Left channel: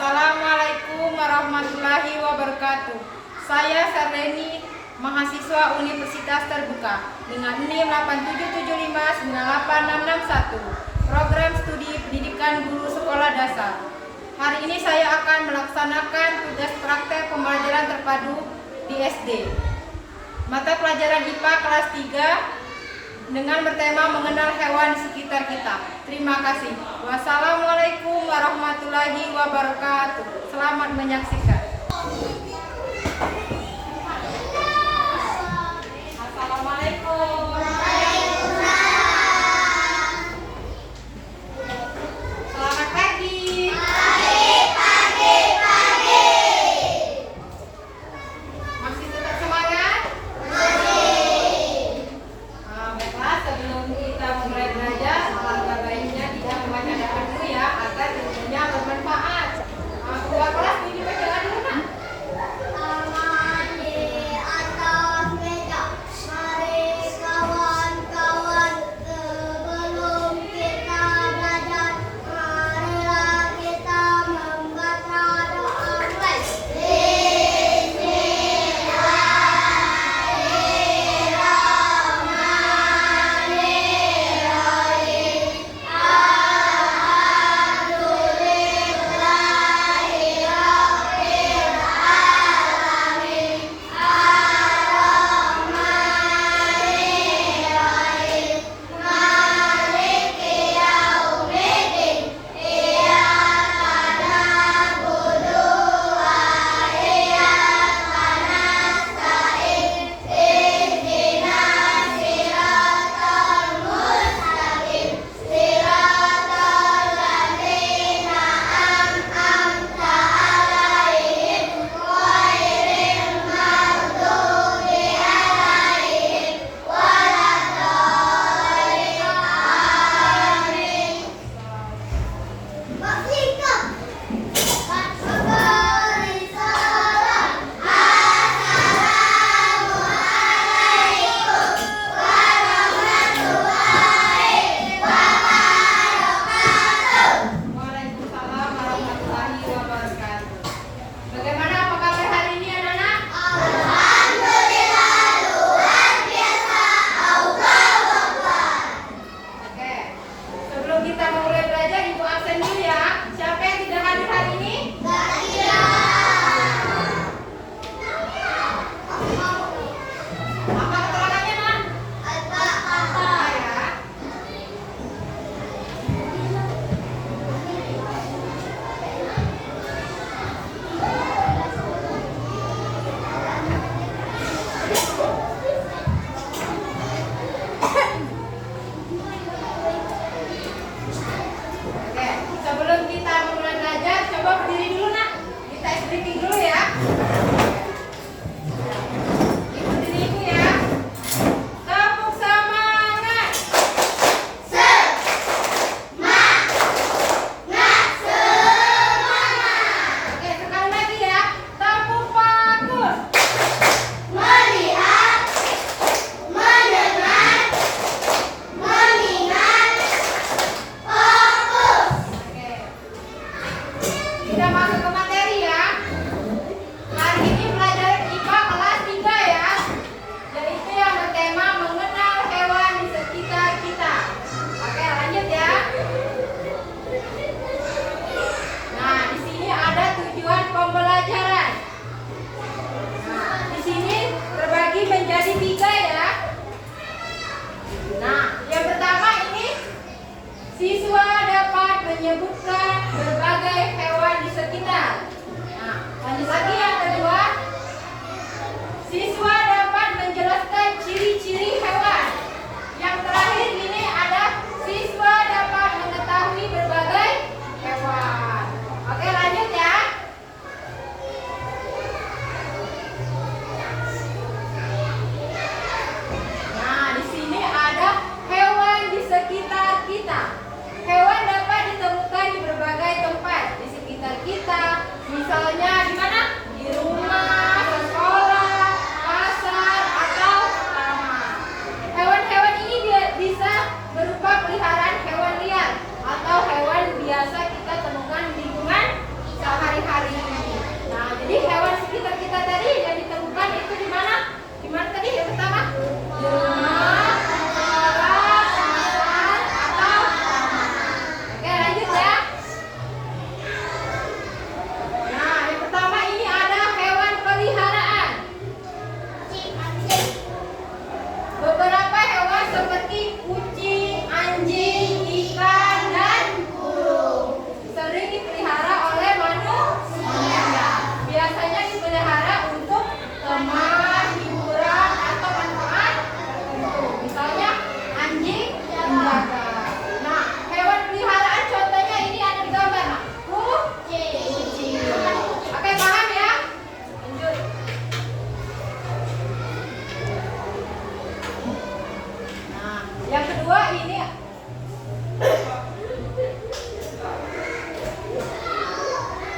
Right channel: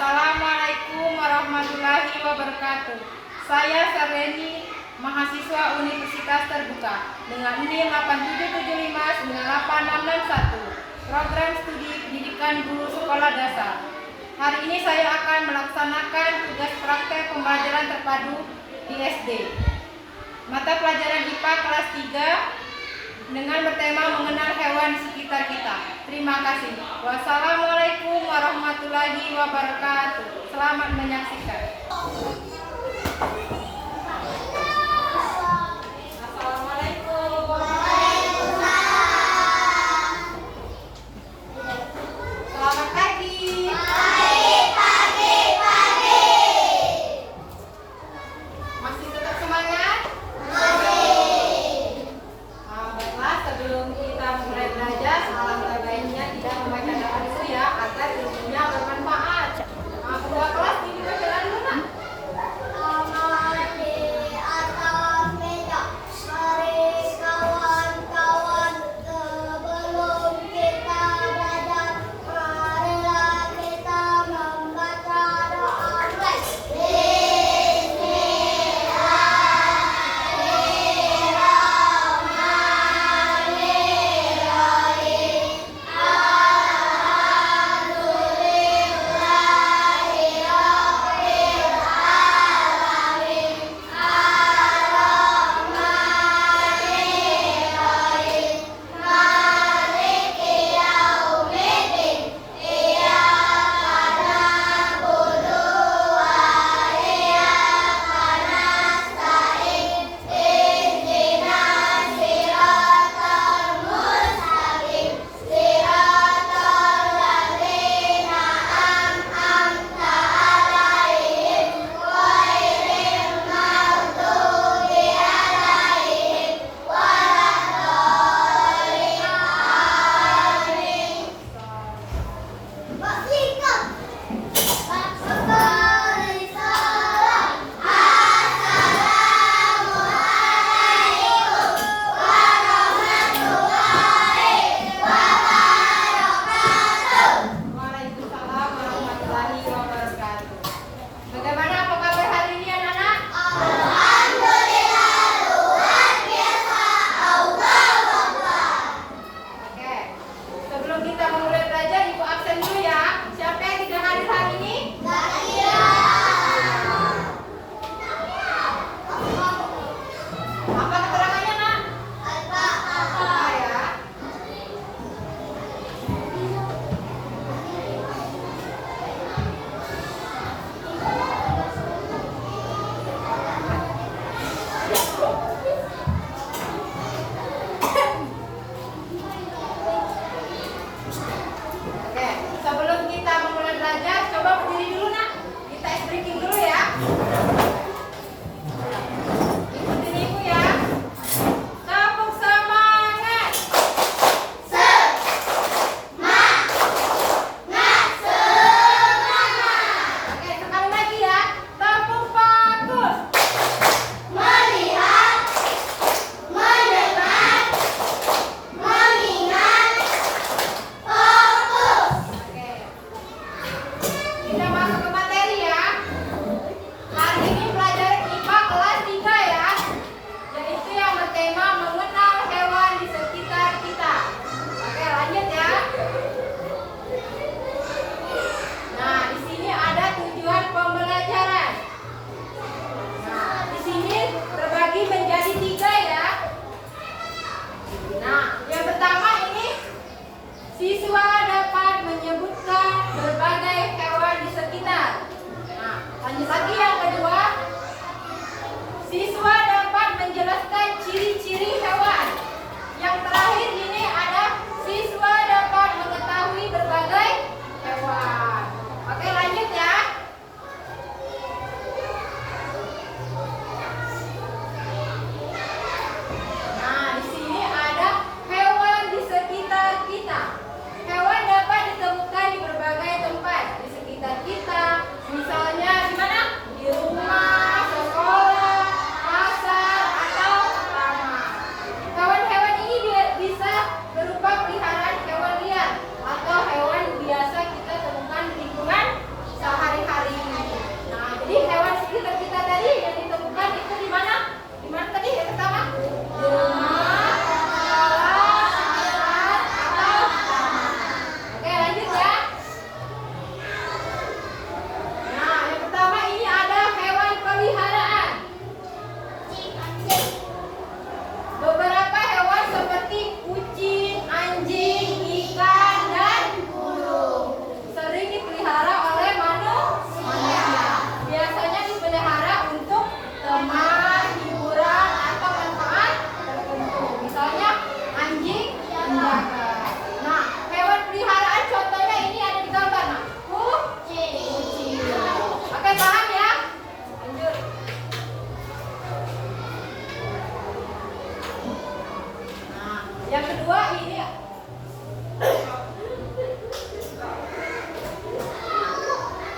Assalamualaikum warahmatullahi wabarakatuh. Saya Sarleni, mahasiswa Universitas Terbuka dengan NIM 87759861, Program Studi Pendidikan Guru Sekolah Dasar. Hari ini saya akan melaksanakan tugas praktek pembelajaran terpadu di SD. Mata pelajaran IPA kelas 3 dengan bertema mengenal hewan di sekitar kita. Terima kasih. Wassalamualaikum warahmatullahi wabarakatuh. Selamat menyaksikan. Assalamualaikum. Selamat pagi. Masih tetap semangat? Baiklah, sebelum kita mulai belajar, alangkah baiknya tidak membaca doa dulu ya, agar ilmunya bermanfaat. Kedua kelas ini baca doa dulu, Nak.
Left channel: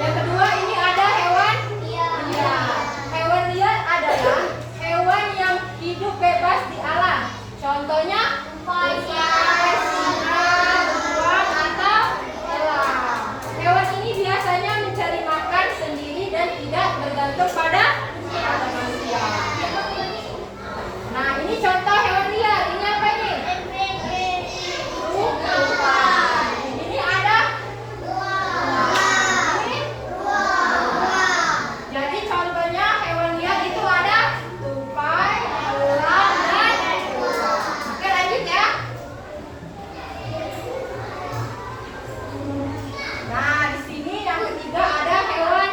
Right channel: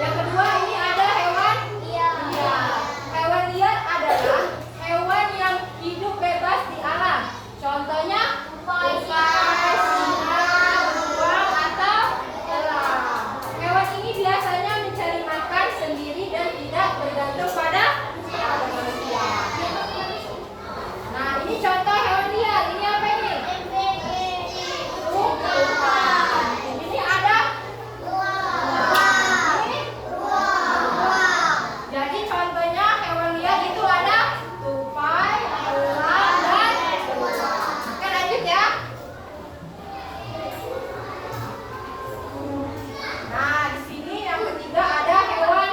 Yang kedua ini ada hewan liar. Hewan liar adalah hewan yang hidup bebas di alam. Contohnya singa, beruang, atau elang. Hewan ini biasanya mencari makan sendiri dan tidak bergantung pada manusia. Nah, ini contoh hewan liar. Ini apa ini? Tupai. Ini ada jadi contohnya hewan liar itu ada tupai, elang, dan beruang. Oke, lanjut ya. Nah, di sini yang ketiga ada hewan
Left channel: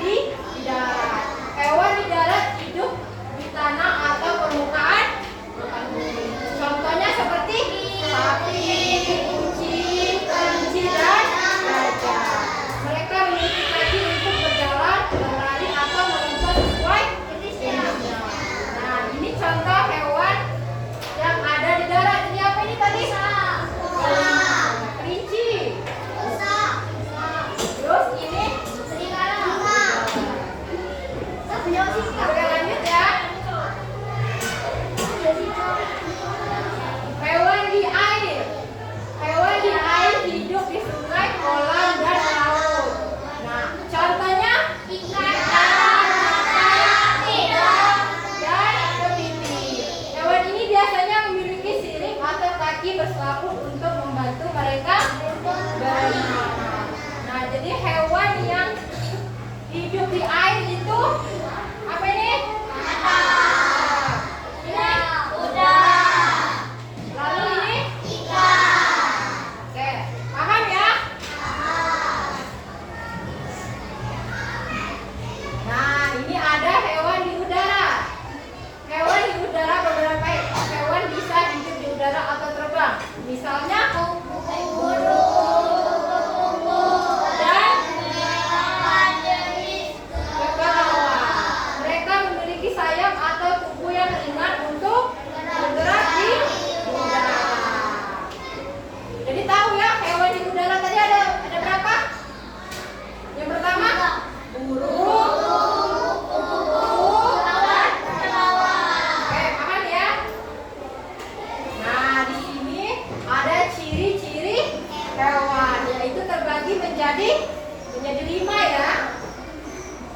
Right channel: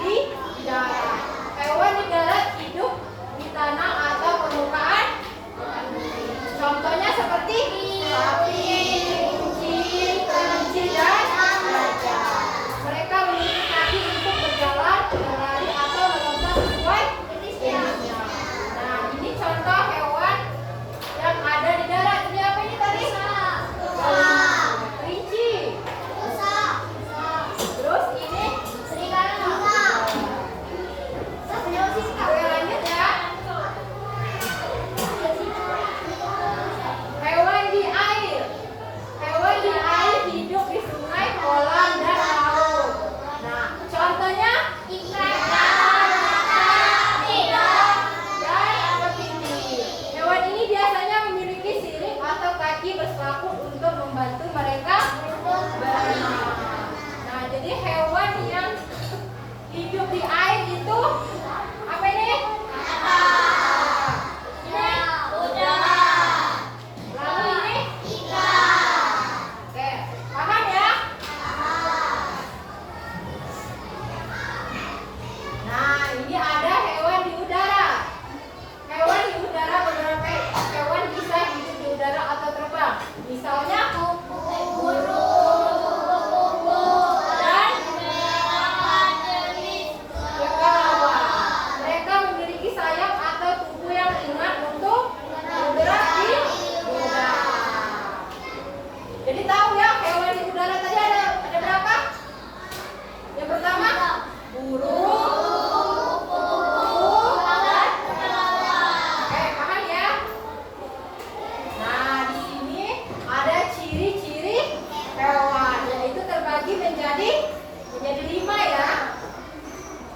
di darat. Hewan di darat hidup di tanah atau permukaan. Contohnya seperti sapi, kucing, kelinci, dan gajah. Mereka memiliki kaki untuk berjalan, berlari, atau melompat sesuai jenisnya. Nah, ini contoh hewan yang ada di darat. Ini apa ini tadi? Kelinci. Terus ini Oke, lanjut ya. Hewan di air. Hewan di air hidup di sungai, kolam, dan laut. Nah, contohnya ikan, dan kepiting. Hewan ini biasanya memiliki sirip atau kaki berselaput untuk membantu mereka berenang. Nah, jadi hewan yang hidup di air itu apa ini? Ini lalu ini oke, paham ya? Nah, ini ada hewan di udara. Hewan di udara, beberapa hewan bisa hidup di udara atau terbang. Misalnya dan kelelawar. Mereka memiliki sayap atau tubuh yang ringan untuk bergerak di udara. Jadi tahu ya, hewan di udara tadi ada berapa? Yang pertama burung, dan kelelawar. Oke, paham ya? Nah, di sini ada ciri-ciri hewan, yaitu terbagi menjadi 5 ya.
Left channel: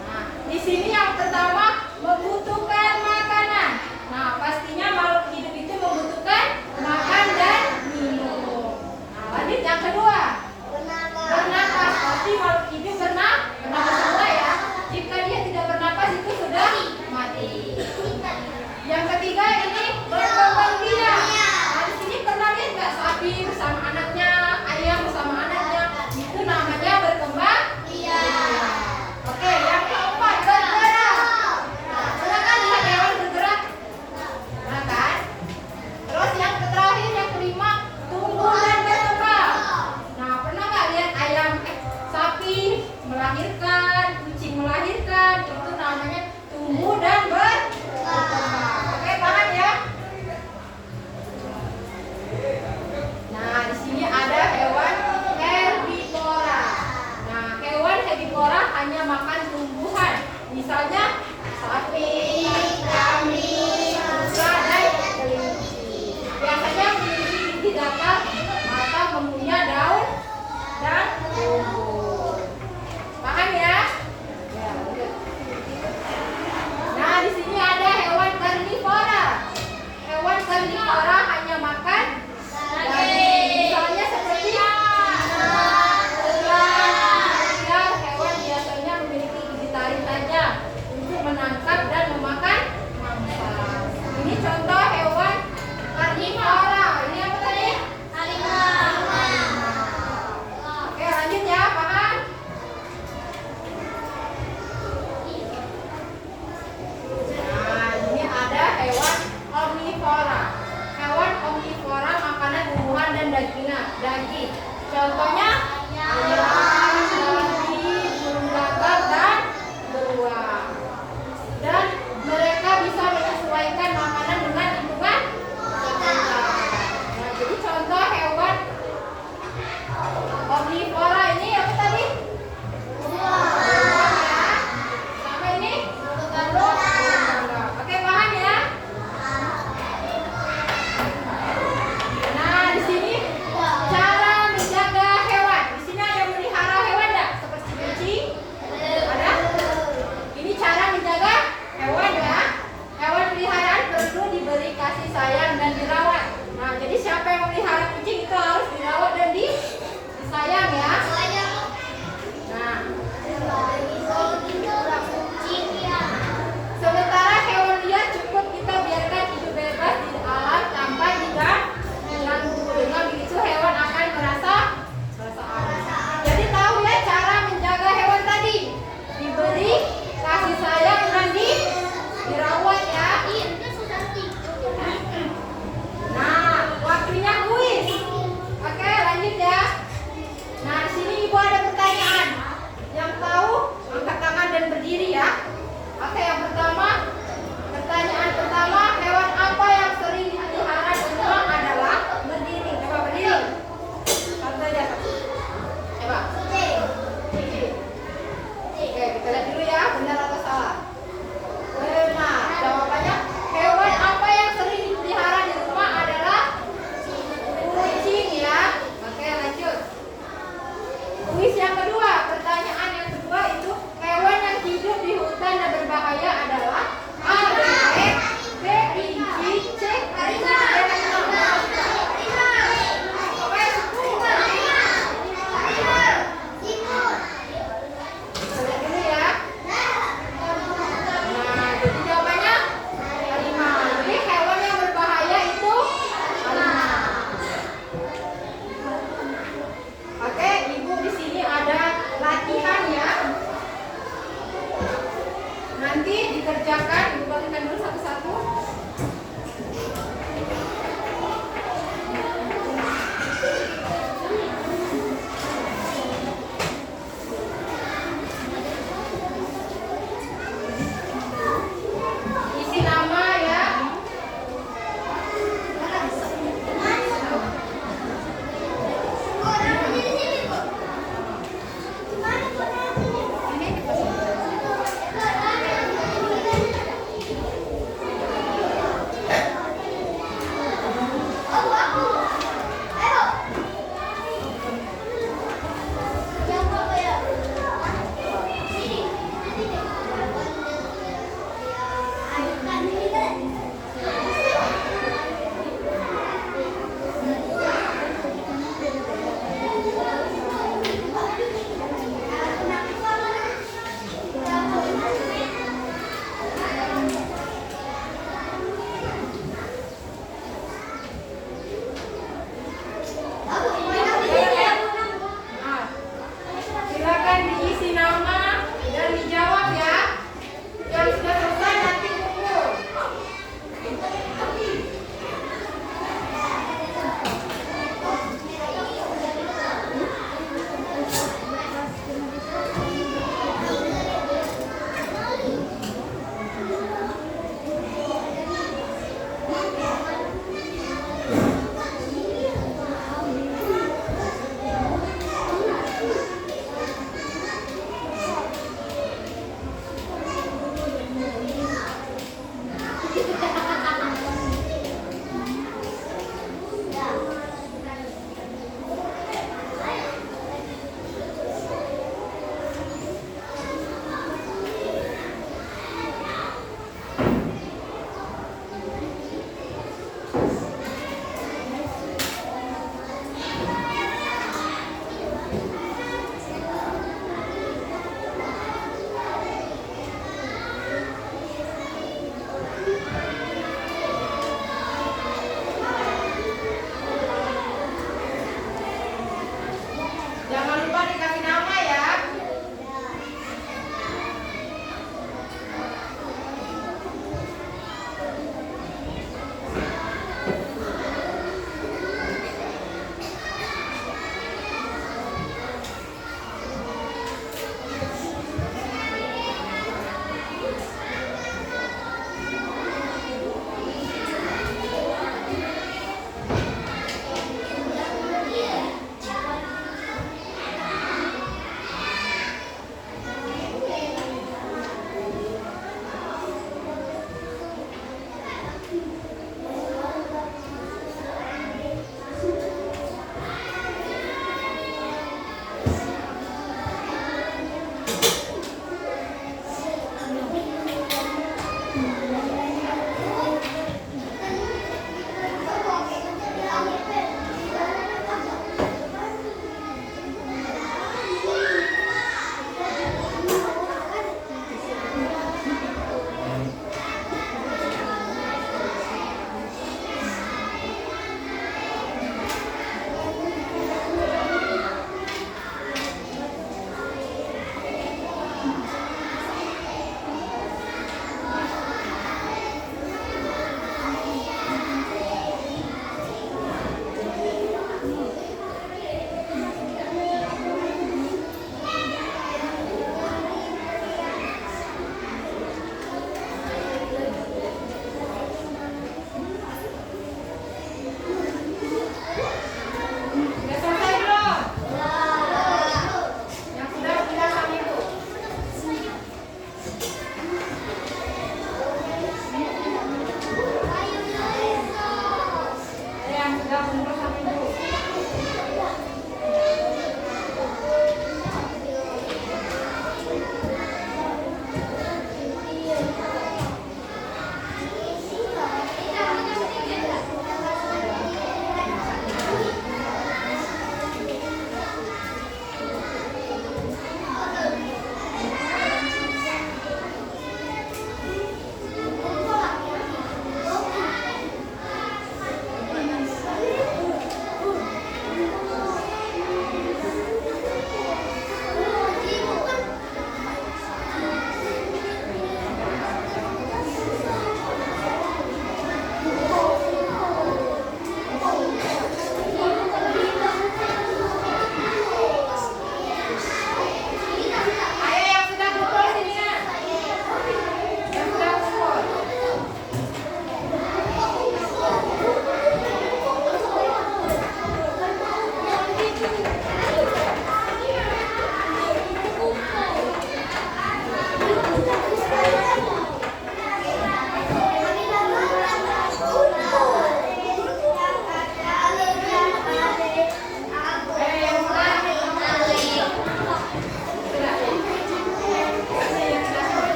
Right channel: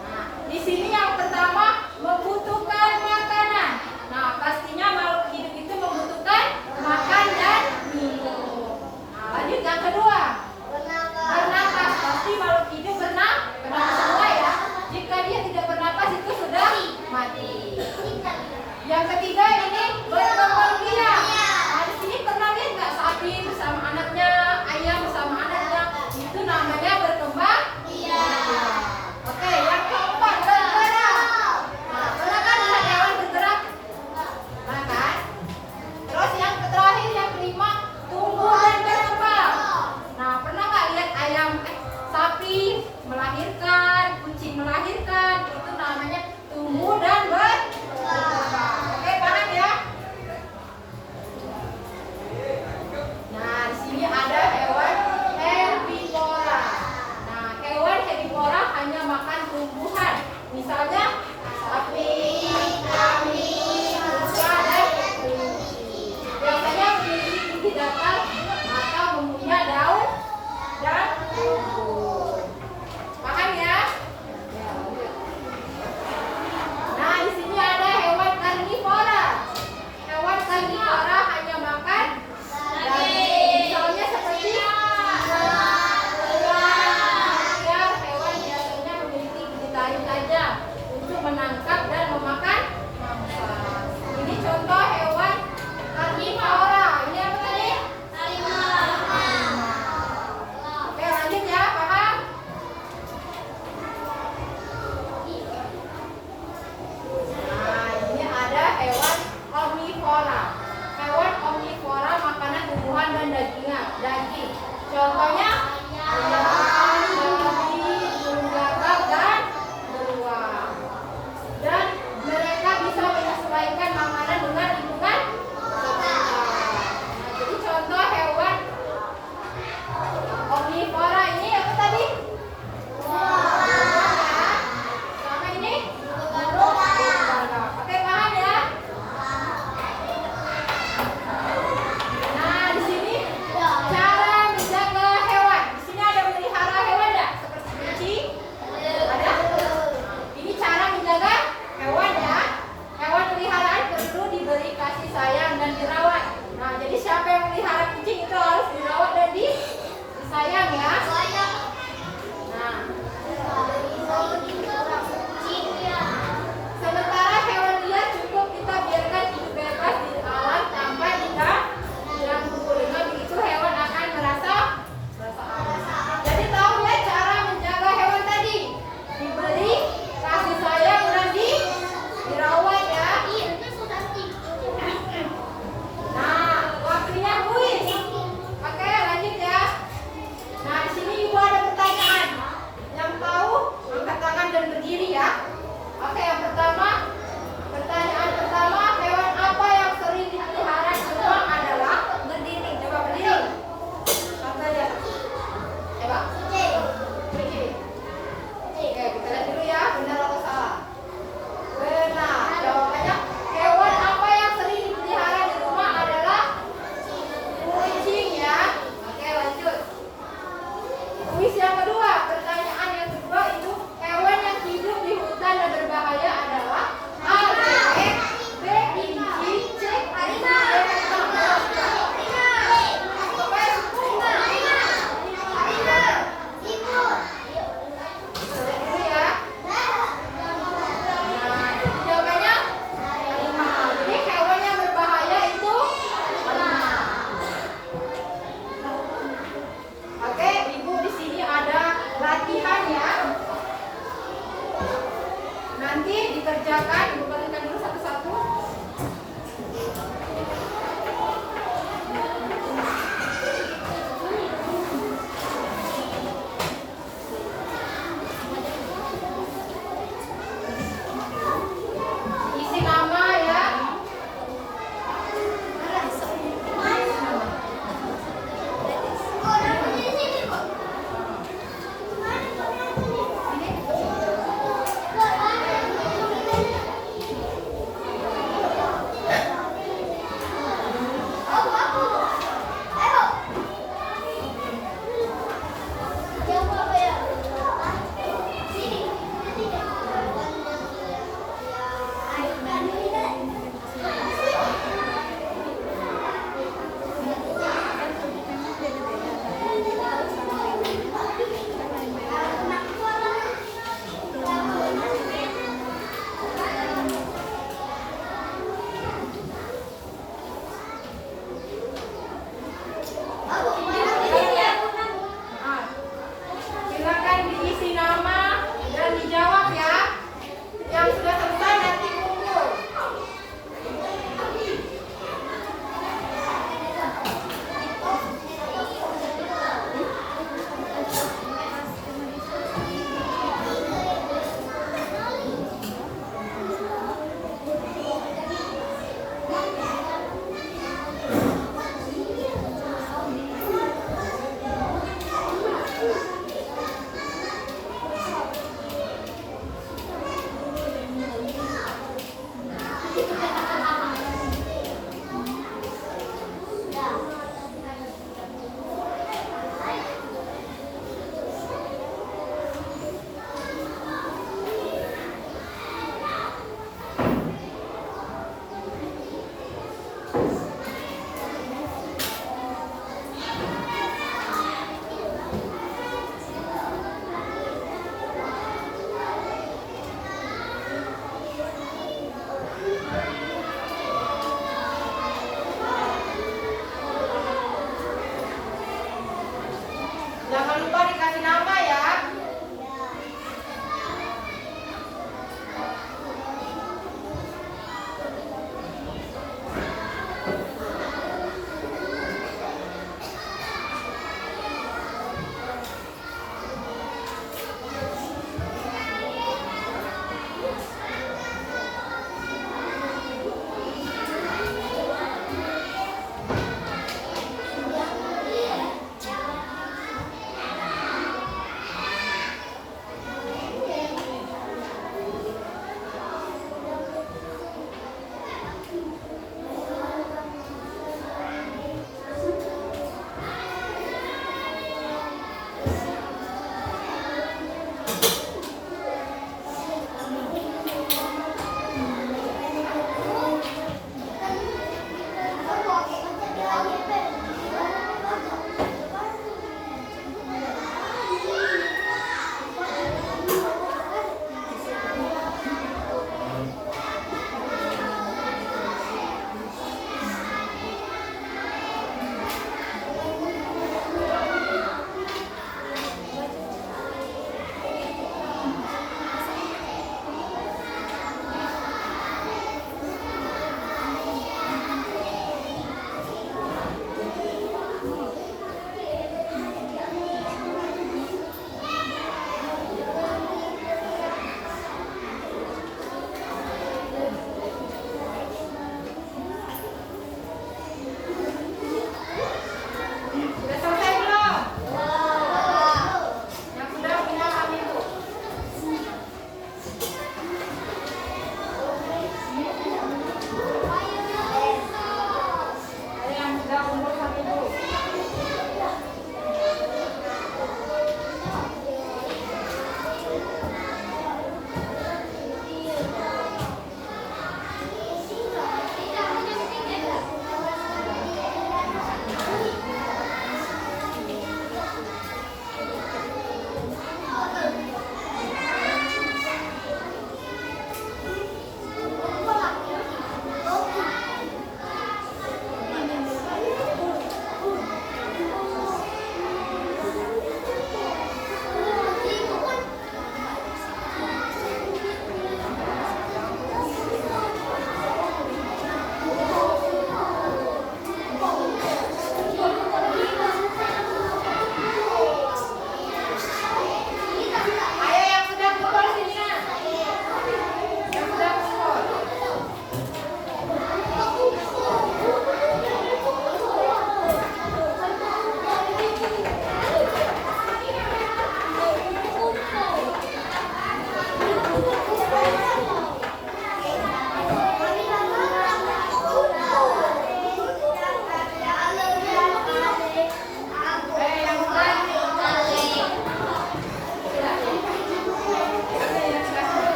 Nah, di sini yang pertama membutuhkan makanan. Nah, pastinya makhluk hidup itu membutuhkan makan dan minum. Nah, lanjut yang kedua, bernapas. Pasti makhluk hidup bernapas semua ya. Jika dia tidak bernapas itu sudah mati. Yang ketiga ini berkembang biak. Nah, di sini pernah lihat nggak sapi bersama anaknya, ayam bersama anaknya? Itu namanya berkembang biak. Oke, yang keempat bergerak. Nah, pernah kan lihat hewan bergerak? Pernah kan? Terus yang terakhir, yang kelima, tumbuh dan berkembang. Nah, pernah nggak lihat sapi melahirkan, kucing melahirkan? Itu namanya tumbuh dan berkembang. Oke, paham ya? Nah, di sini ada hewan herbivora. Nah, hewan herbivora hanya makan tumbuhan. Misalnya sapi, kambing, unta, dan kelinci. Biasanya memiliki gigi datar atau mempunyai daun dan tumbuh. Paham ya? Ya, lanjut. Nah, di sini ada hewan karnivora. Hewan karnivora hanya makan daging. Misalnya seperti hewan biasanya memiliki gigi taring tajam untuk menangkap dan memakan dikerjakan, Ibu bagikan dulu satu-satu. Isi nama ya.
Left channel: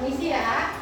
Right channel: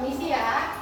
Permisi ya.